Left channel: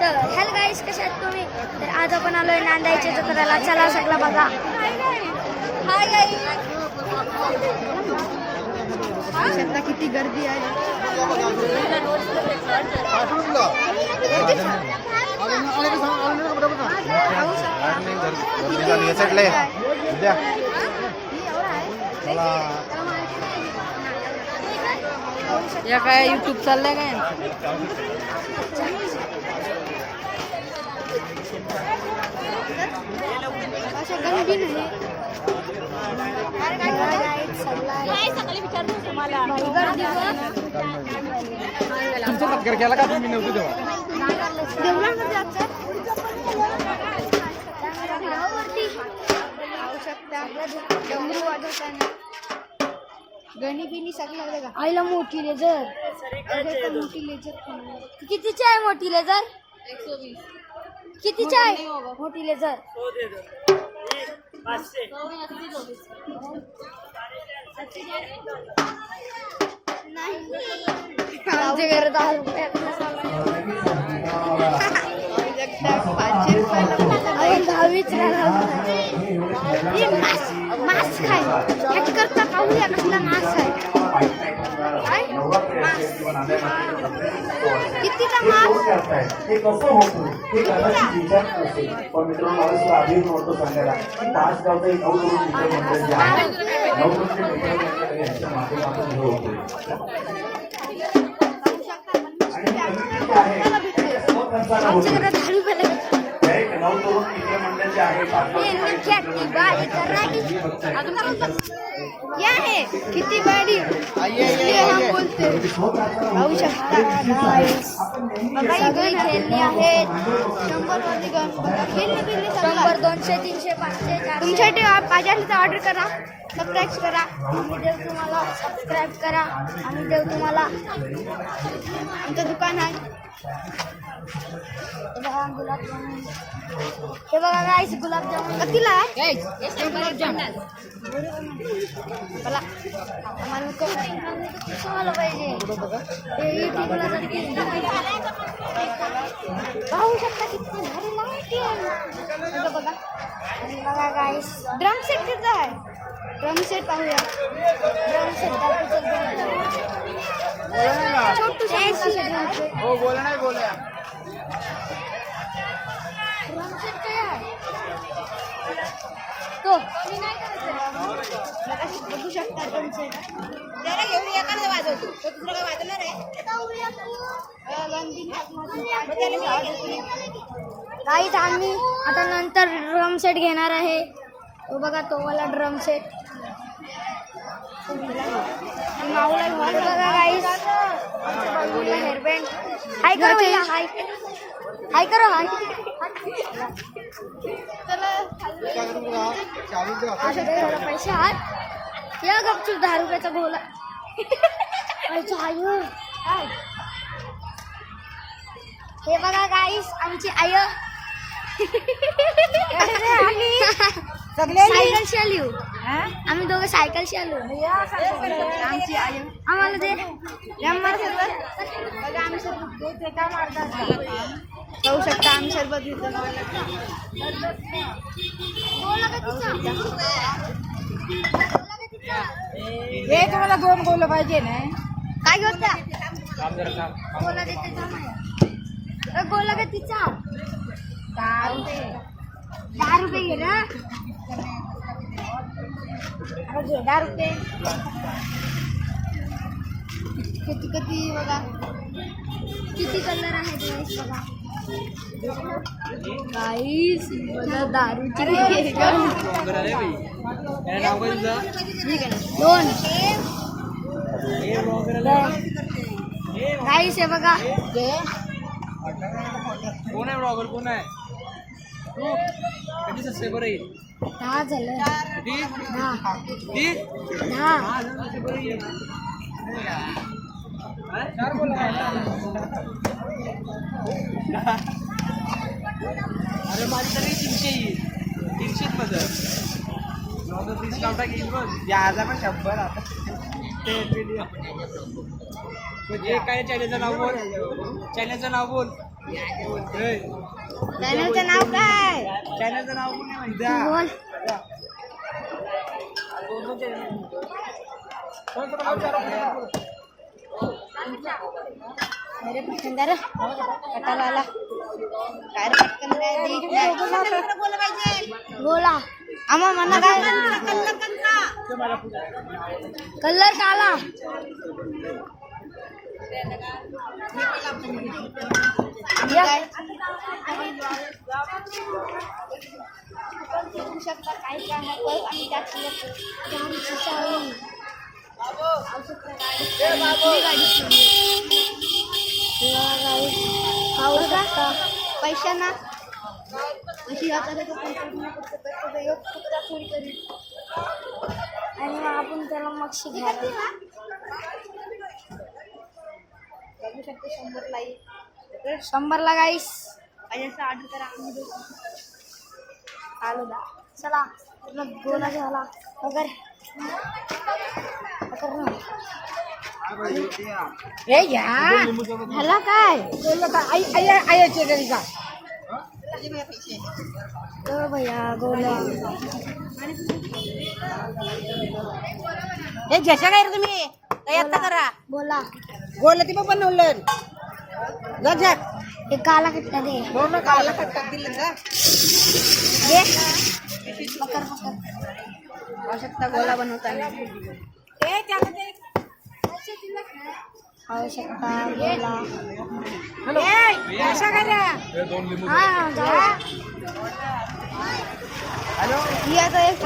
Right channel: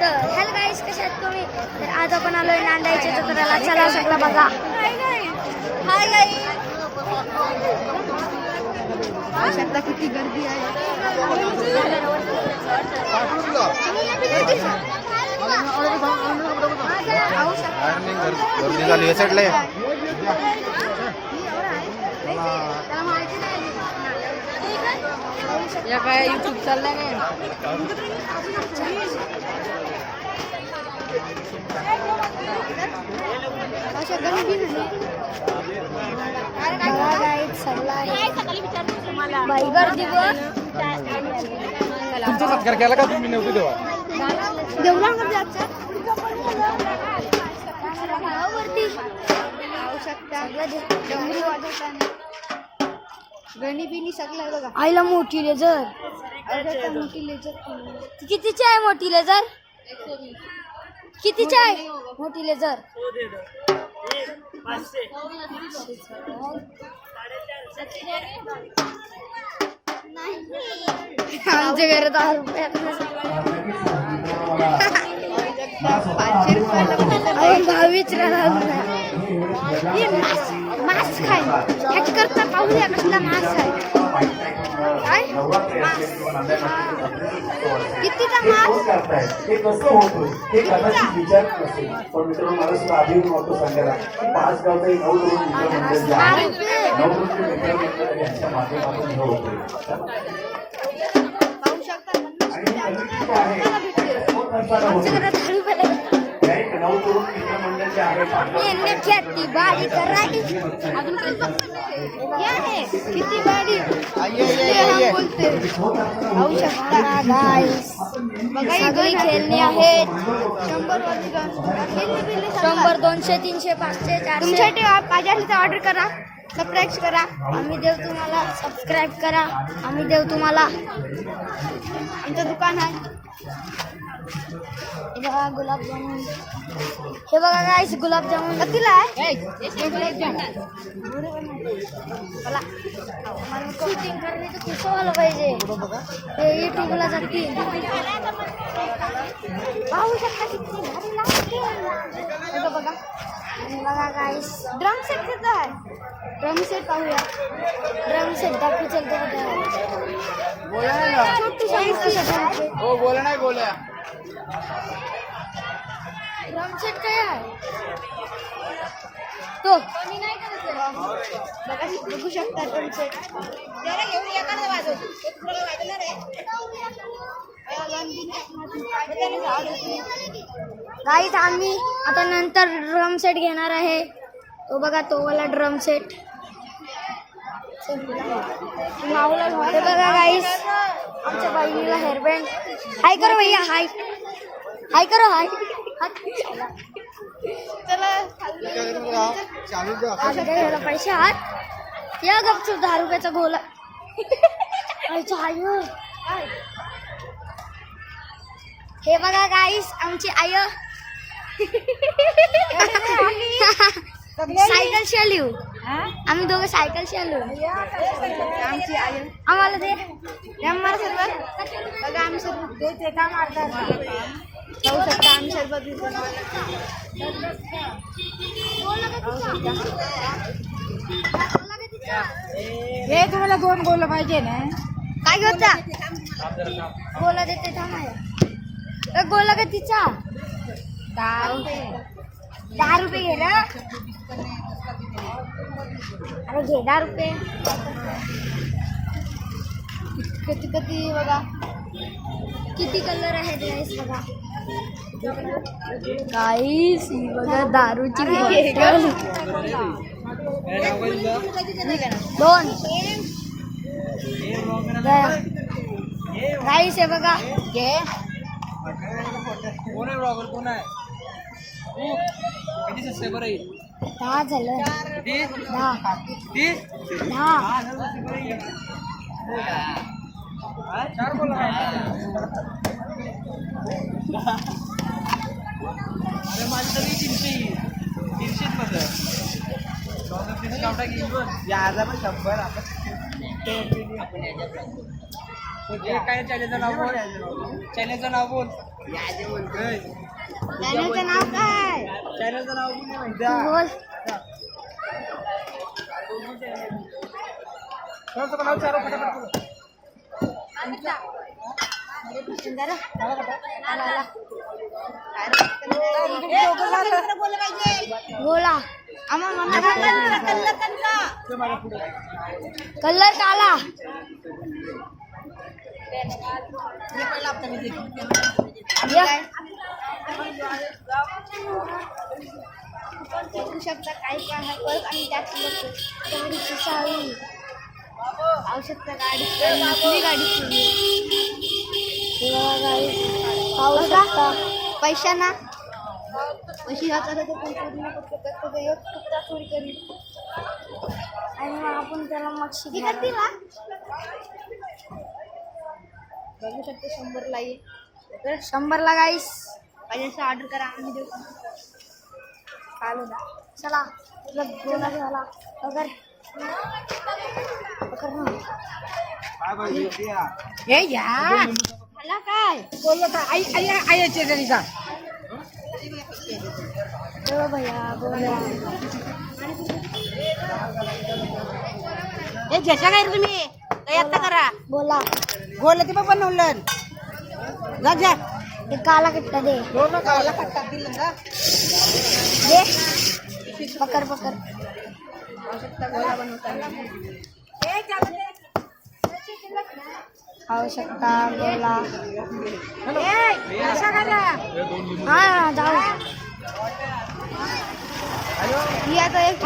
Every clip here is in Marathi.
तर हॅलो गाईस, कसे आहेत तुम्ही? तर आज आपण आलोय नांदायच्या जत्रेला. चला सगळं बघा. हाय गाईस, आता किती गर्दी आहे. या काय यूट्यूब चाललंय काय? डमरू वाजवताना गणी बिनी सगळं बघा. आईला मोठी लेझर, मोठी लेझर कितीची आहे? मोठी लेझर 120. कितीची आहे मोठी लेझर? आमच्या घरात मास्क आहे करता पाहूया कसला मास्क आहे. कितीचा मास्क? आमच्या घरात झाडू किती गाडी बोलते. पाहू शकता गाईस, सगळे खेळणे आहेत. 100 200 300 500 400 तुमच्यासाठी पाहिजे ऑर्डर करा. सबस्क्राईब करा. आम्ही देऊ तुम्हाला. सबस्क्राईब करा. आम्ही देऊ तुम्हाला. आमचं दुकान आहे. हे बघा गुलाबजामुन. हे बघा गाईस गुलाबजामुन कितीला आहे? मला कोटिंग करण्याचं कसं व्हायला पाहिजे ते युट्यूबला जाते. पाहू शकता किती भारी लागते. बघा बघा बघा गाईस. ड्रम सेट किती आहे? ड्रम सेट पाहूया. ड्रम सेट छोटू सांगितलं. हो बोला नाही बोला. ड्रम सेट काय आहे तो? बघू शकता ड्रम सेट. गाईज आम्ही आता नंतर ड्रम सेट घेणार आहे. तो बघा तो वाला ड्रम सेट. माऊला बघा गाईस. आमच्या बहिणीला हेअरबँड. हाय करो भैया. हाय हाय करो. हाय पैसे आहात या गपचूप 10 रुपयाचा गोला. हे बघा गाईस आमची आई सायकलशी आली. आम्ही दोघं सायकलशी आलो. आमची आई आम्हाला ते आम्ही सरबत देते काय मारतात. पाहू शकता आम्ही सरबत घेतो. हे तुम्हाला 2 गोल पाहिजे ना? काय घेता? गोला देते. गोला का तिचा 10 रुपये घे ना. अरे घे 10 रुपये. किती किती बघा किती कलर आहेत गाईस बघा. गाईस बघा दारूची बॉटल. 2 गाईस हे बघा. कोण आहे ब्लॉगर? कोण आहे? किती सबस्क्राइबर आहे? 10 झालं. 10 4 बोला. अरे माझी तरी 300 मध्ये याचा पण 100. काय चॅनलचं नाव बोल. चॅनलचं नाव बोल. चॅनलचं नाव काय? चॅनलचं नाव पण नाही माहिती. बोल. चल नाव चारो फटाफट बोल. मेरे पसंदीदा कटाला आला. काय रे पटकन काय बोला पाहिजे. बोला. आम्हा म्हणा कलर कलर काला. बघू शकता काही पण आहे परत आणि त्यात गाडीची चावी आवश्यकता गाडी पाहू शकता. पैसा ना पैसे वाचायला तो पण पूर्ण करतो एक तुकडा चोरी करी आणि मग आपण त्याला मक्षी घ्यायला. बघू शकतो 100ला येईल. 100ला गाईस पाहिजे असं ऑर्डर करा आम्ही देऊ. आलो दा चला तुला गोला झाला अगर हे घ्या झाला काय बोललो का आईचे घरी का भैया गोला हे जशा काय रे तुम्ही काय आता करा बोला गोल ती पण बनवलं जा हे काला कट्टा दे. हो ना काला कट्टा दिलं का दे पकड आवश्यकता गोला बनवताना आवश्यकता गोला. हा जाऊ मी आता एक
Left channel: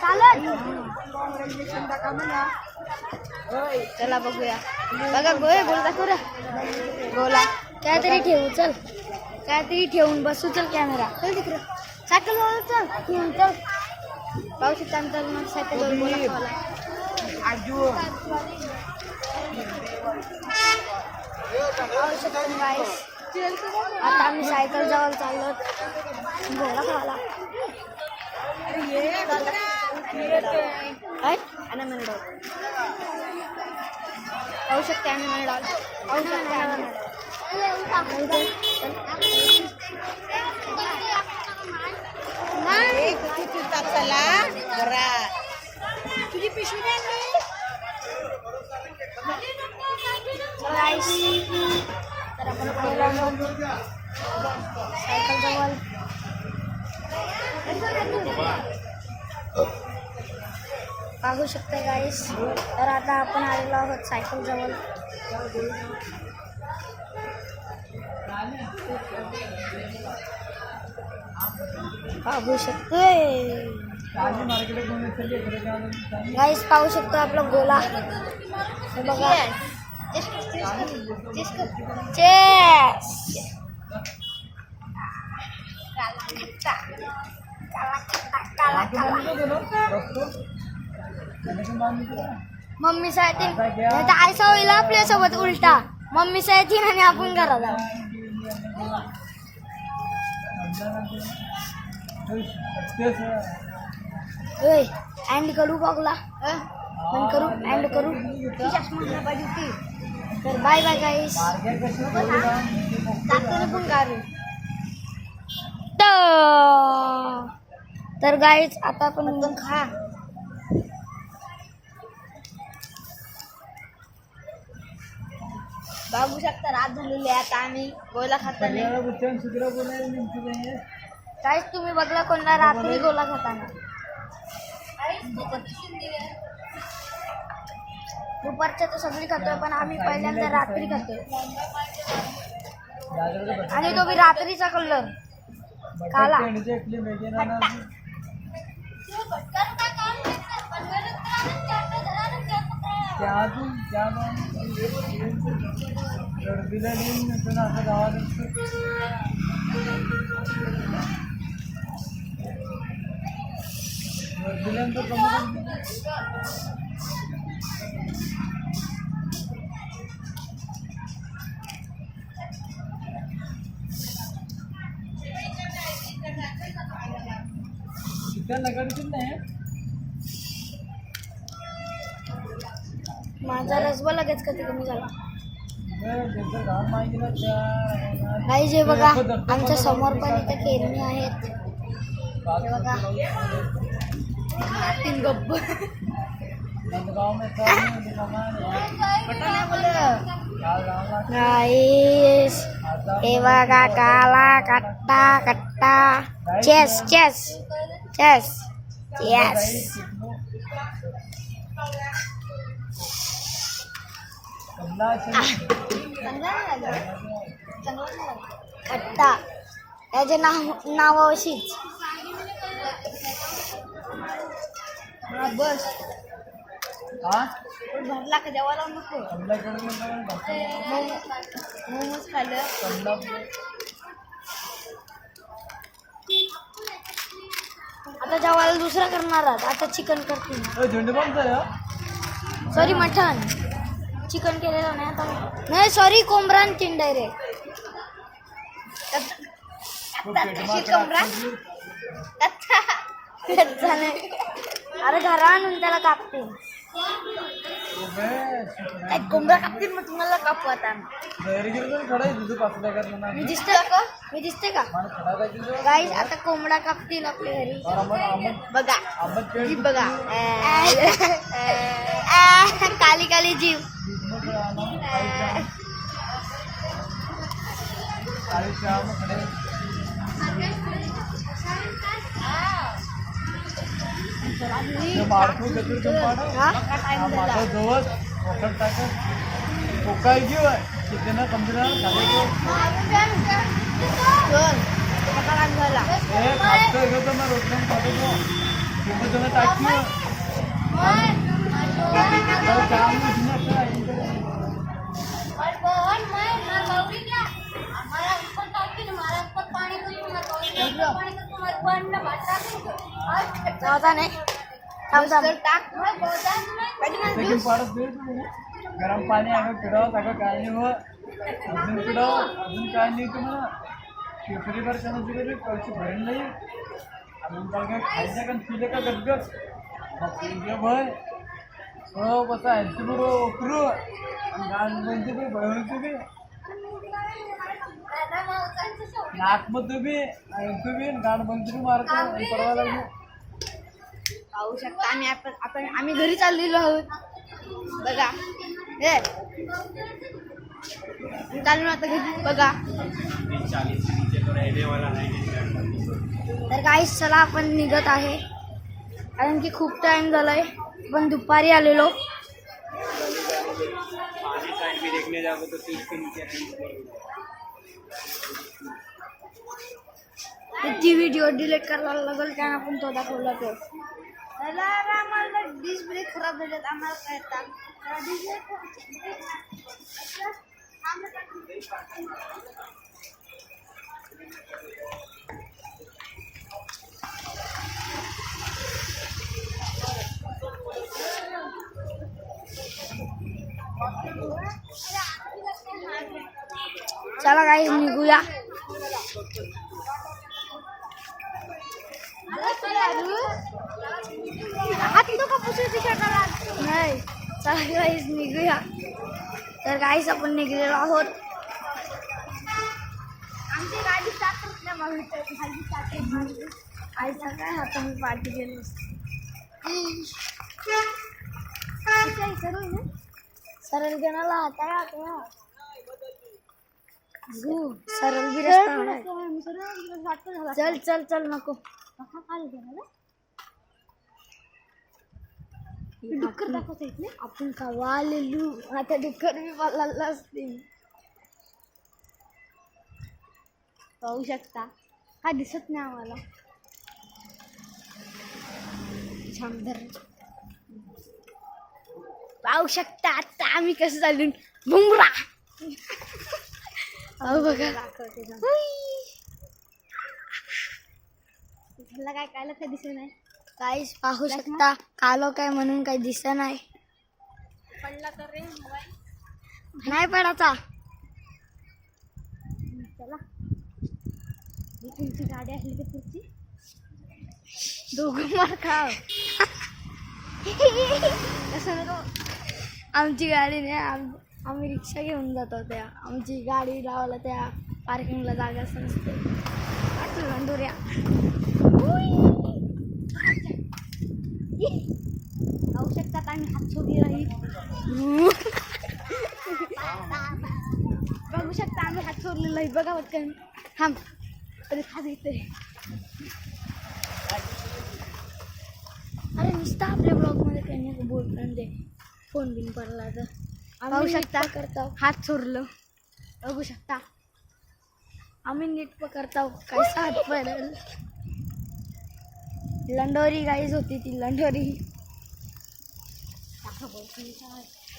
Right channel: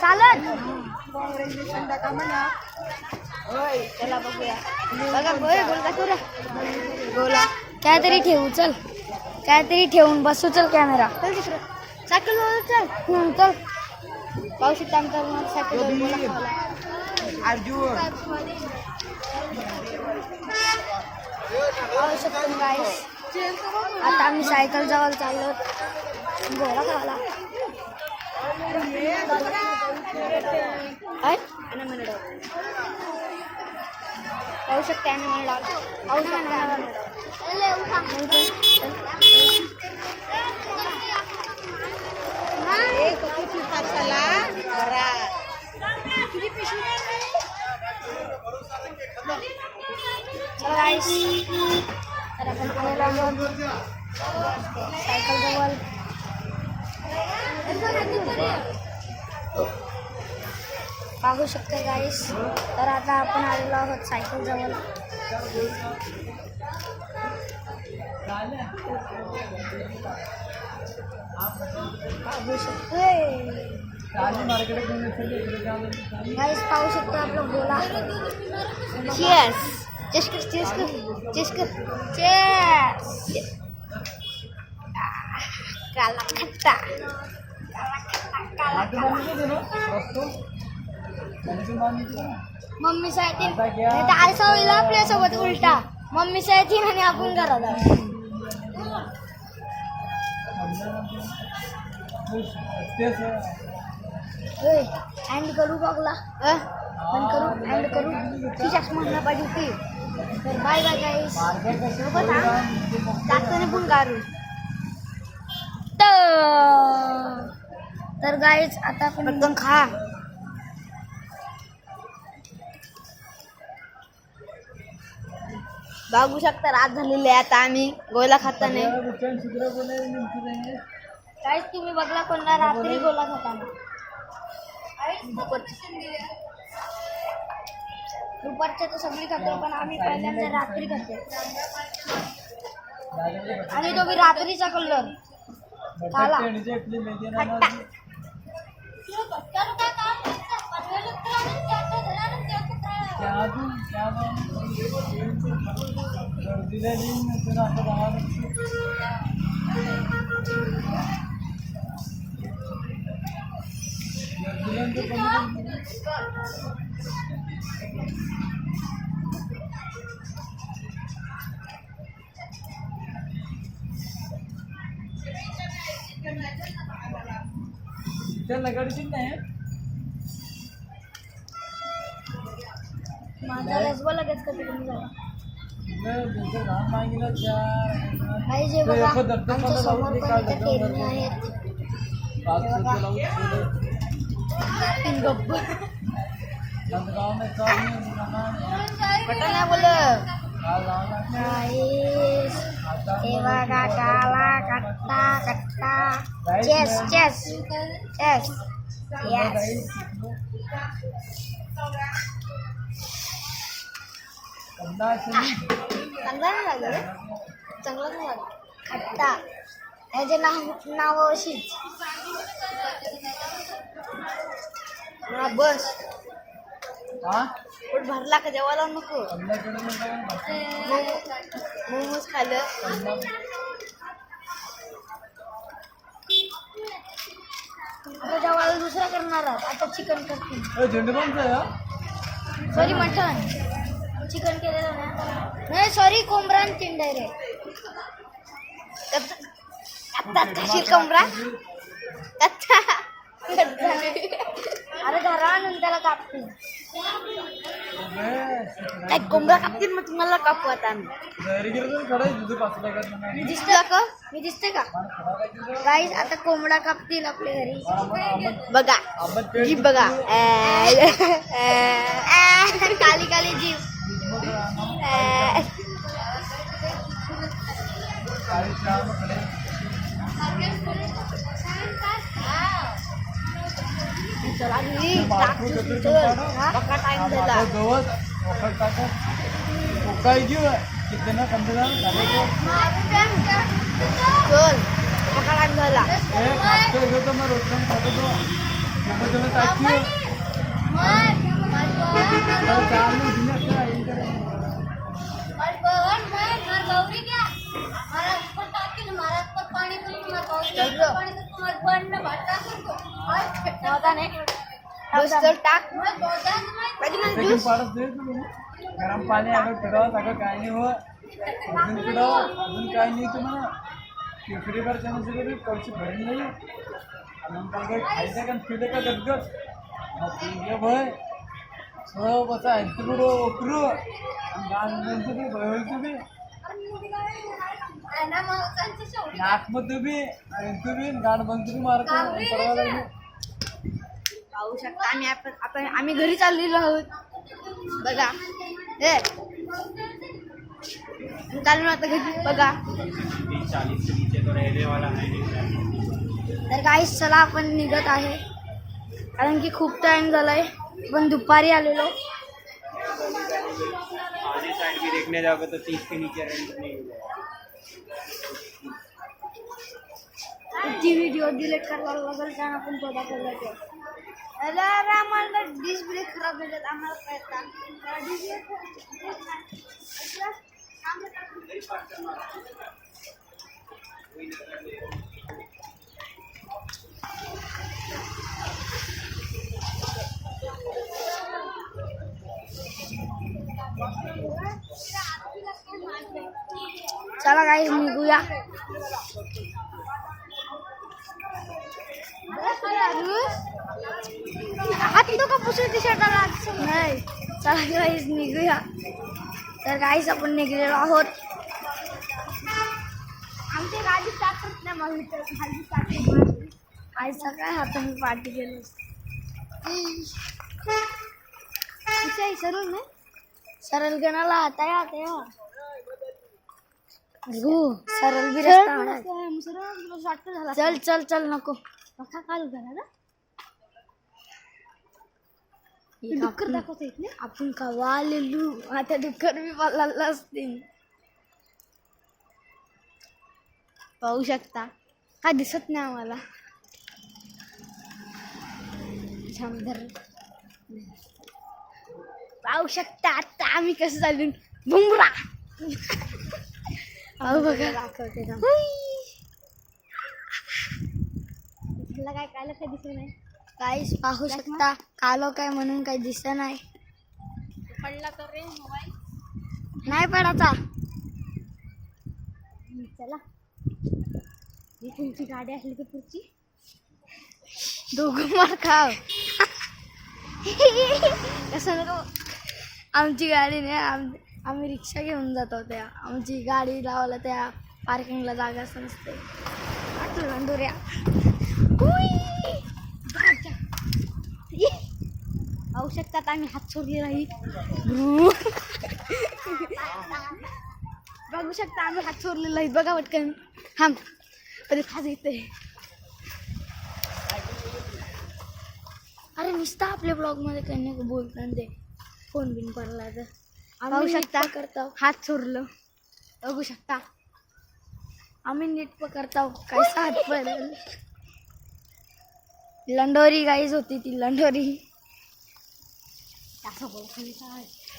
चालत चला बघूया बघा गोल दाखव रे गोला काहीतरी ठेवू चल काहीतरी ठेवून बसू चल कॅमेरा चल दुसरं सायकल चल ठेवून चल पाहू शकता आमचा सायकलवर गोला खावला. पाहू शकतो गाईस आता आम्ही सायकल जवळ चाललो गोला खावला. पाहू शकते आम्ही म्हणा तर आपण आलेलो आहोत सायकल जवळ. पाहू शकते गाईस तर आता आपण आलेलो आहोत सायकल जवळ. पाहू शकते गाईस पाहू शकतो आपला गोला. काला खट्टा मम्मी साठी आयसा होईल आपल्यासोबत उलटा मम्मी साठी आणि आपण घराला. अँड करू बघला पण करू अँड करू ती चष्मा पाहिजे ती. तर बाय बाय गाईस जाताना पण गारू. तर गाईस आता आपण एकदम खा बघू शकता रात झालेली आहे आता आम्ही गोला खाताना. काहीच तुम्ही बघला कोणला रात्री गोला खाताना दुपारच्या तर सगळी खातोय पण आम्ही पहिल्यांदा रात्री खातोय आणि तो रात्रीचा कलर काला. माझा रसबा लगेच कधी कमी झाला. नाही जे बघा आमच्या समोर पण इथे पेरणी आहेत. हे बघा गब्बर नाईस. हे बघा काला कट्टा कट्टा. चेस चेस चेस यस. कट्टा याचे नाव अशीच. बस भरला का जेवायला नको. मोमोज खाल्लं. आता जेवायला दुसरा करणार आहात. आता चिकन करतील. सॉरी मटण. चिकन केलेलं नाही आता. नाही सॉरी कोंबडा आणि चिंडे रे. कशी कोंबडा अरे घरा आणून त्याला कापते. कोंबडा कापतील मग तुम्हाला कापू आता. मी दिसतोय का? मी दिसते का गाईस? आता कोंबडा कापतील आपल्या घरी. बघा जीभ बघा. काली काली जीभ. गरम पाणी पिढावं सगळं काय नाही हो. अजून पिढावं अजून काय नाही तुम्हाला. केसरीवर त्यामध्ये पैसे भरेल नाही. अजून काय काय खायचं का पिलं का गदगद मग भय सो बसा ऐंशी ओकरू आणि गाण बनते बी भयवलते बी नाकमध्ये बी ऐंशी बी गाण बनते बी मारतो परवा लागली. पाहू शकता आम्ही घरी चाललेलो आहोत. बघा हे चालू आता घरी बघा. तर गाईस चला आपण निघत आहे कारण की खूप टाइम झालाय. पण दुपारी आलेलो. देखने जाओगे तो 30 के नीचे ती व्हिडिओ डिलीट करायला लागेल कारण आपण तो दाखवला ते. आम्हाला डिस्क ब्रेक खराब झालेत. आम्हाला चला काही निघूया. हात नको पुसून नाही. चला गाईस निघूया. तर गाईस आपण निघलेलो आहोत. आमची गाडी स्टार्ट करत नाही. मग खाली स्टार्ट आईचा काय आपण पार्टी केलो. सरळ नाही सरळ गणाला आता या सरळ बी रस्ता. चल चल चल नको डुक्कर दाखवत आहेत ना आपण कवा आलेलो. आता डुक्कर बी पाला असतील. पाहू शकता काय दिसत नाही आम्हाला. थांबधर पाहू शकता आता आम्ही कसं चालून बुमरा. पाहू बघा दाखवते त्याला काय काल काय दिसत नाही. काहीच पाहू शकता कालो काय म्हणून काही दिसत नाही. पडला तर रे मोबाईल नाही पडायचा. चला ही तुमची गाडी असली तर पुढची दोघं मार खाव. कसं नको आमची गाडी नाही आम्ही रिक्षा घेऊन जातो त्या आमची गाडी लावायला त्या पार्किंगला जागाच नसते. आठवलं लंडोऱ्या. पाहू शकतात आम्ही हात सोडली राहील. बघू शकता आम्ही हात सोडलेला आहे. बघा पटकन थांब परत हात येते. अरे नुसतं आपल्या ब्लॉगमध्ये त्यांनी बोलताना ते फोन बिन पडला तर पाहू शकता करता हात सोडलं. बघू शकता आम्ही नीट पकडता काय हात पडेल. लंडोरी गाईज होती ती लंडोरी.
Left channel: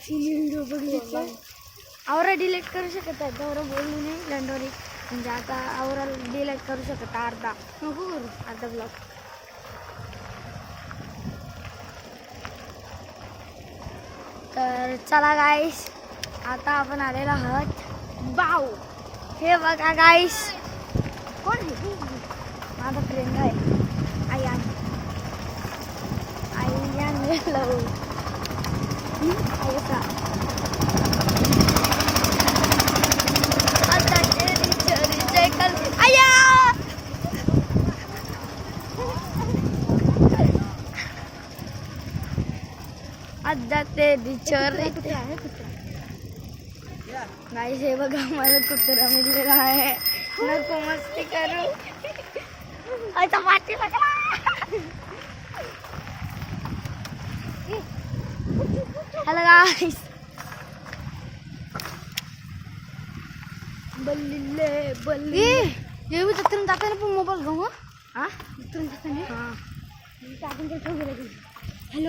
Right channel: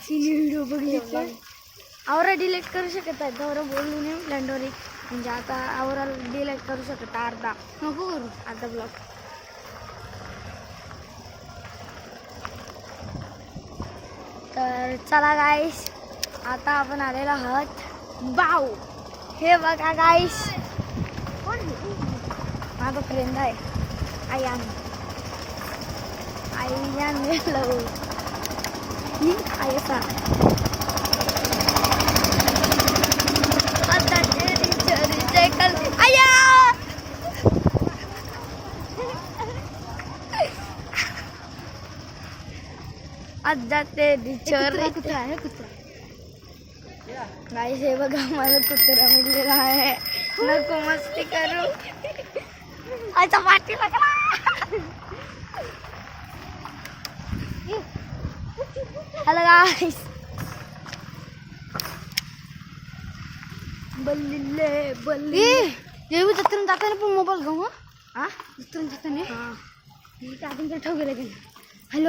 व्हिडिओ बघितला आवरा डिलीट करू शकत आहे. गौरव बोलली नाही लंडोरी म्हणजे आता आवरा डिलीट करू शकत अर्धा नको करू अर्धा ब्लॉग. तर चला गाईस आता आपण आलेलो आहोत बाव. हे बघा गाईस माझा फ्रेंड आहे आयान. आयान लव आयसा आता तेरी चोरी चेकल आया. आता तेरी चोरी गाईस हे बघा मला कुत्रा मिळलेला आहे. नको मस्ती करू. आता पाठी हॅलो गाईस बल्ले बल्ले देवी जत्रेला जाताना पण मोबाईल घेऊ. हा जत्रेला जाताना हा टाकून ठेव गेले.